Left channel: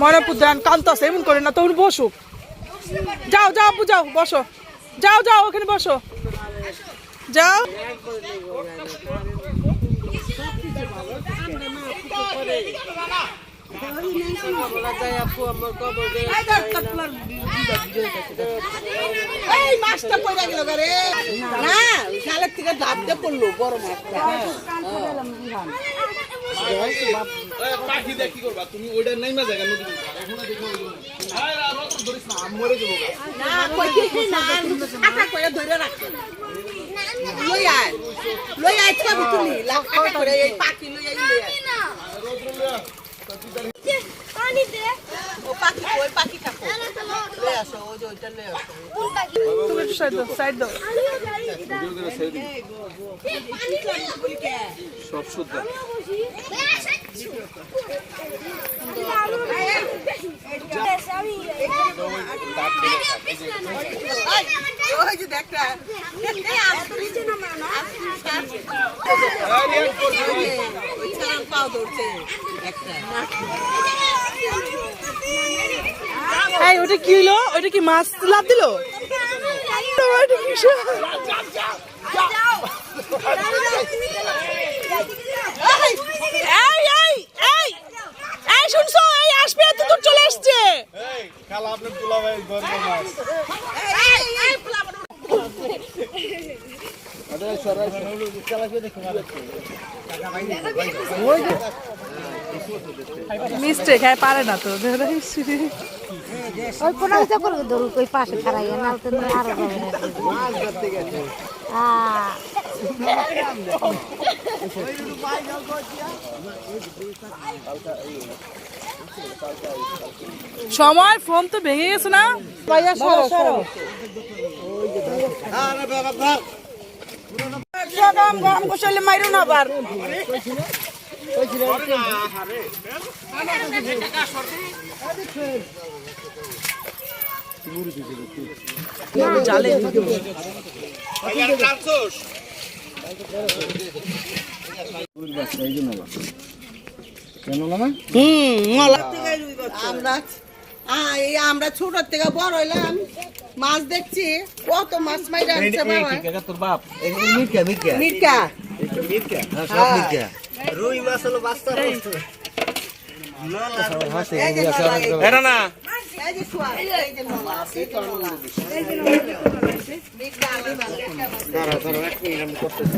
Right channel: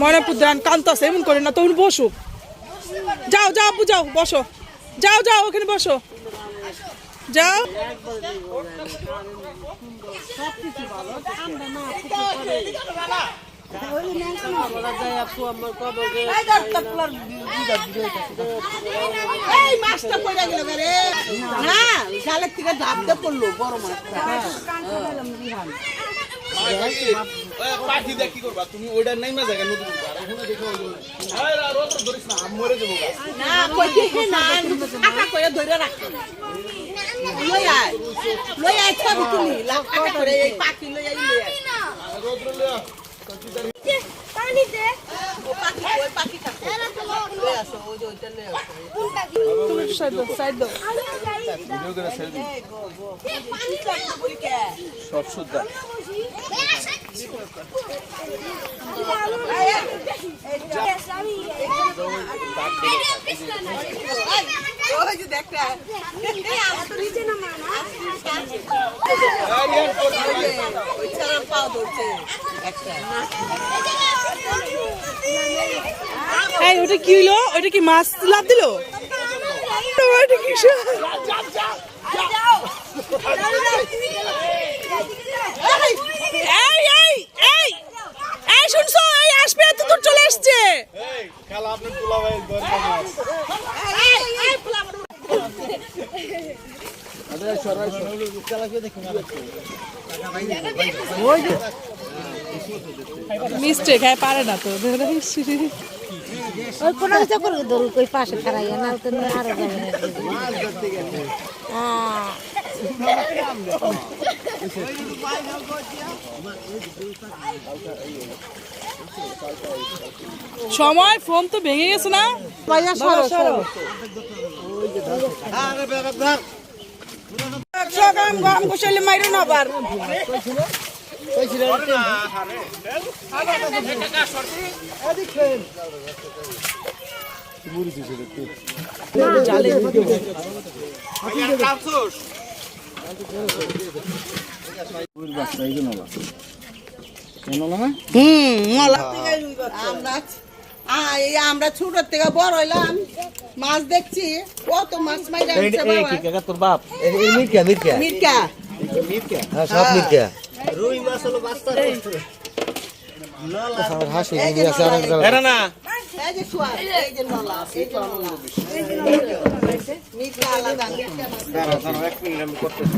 ময়নাপুর ধান কান্তাছে এমন করে না তখন বসো যাও যাও আপু যাও বসো যাও যাও ওখানে বসো যাও মাছটা পড়ে গেল রে না জালের থেকে ঝাপতে পড়লো বড় মাছটা পাখি দেখ কি করবা তুমি ওইটা নাই না জায়গা নদী এখনো দেখো আরে আর রত ধরিস না মরে দেব না কই কি না আটা কই ধরে রাখ লই আয় ছবি তুলি লাখা করে এই পাখি লই আই রোদ লয়া পানি দে ও পাখি ওই পাখিটা লই আসো ওই যে ওইটা লই আসো তুমি একটু সাইড দাও ভিডিও করে ছেড়ে দিই পানি কম বলি কে সব শুদ্ধ ওই যে দেখটা আমার তো নিচে নামা না ওই ছাড়া পাও ধরছে একটা এই ওটা কি হলো ওটা কি মাছ লাভ দিল ওটা কি এই এই এই এই শুনছো এই আসবে তো দূর চলে আসছে এই খালা আপনি তুলা ভাই গর্ব মাছ আরে সরাই চালা কে দেখো না মিস্টেক হ্যাঁ পারে না তো ওই কোনা যা করে ধরু কই পাশে খারাইয়া না তো আরো যাবে না মাছ ধরতে গেছে সময় ফোন তো ভেঙে গেছে না গরম গোসাইলে মাইরো না আবার জালে আমরা ছোট থেকে বড় হইলাম মাছ দেখছি কত মাছ মাইরা তোর বাপ মির্কা মির্কা মির্কা মির্কা সব মির্কা রুই মাছ হলো বাস্তা হাসি এরা না এই যে সোয়া এই যে নলা এই যে নলা মির্কা আলাদা দাঁড়া দাঁড়া এক মিনিট আমি করতেছি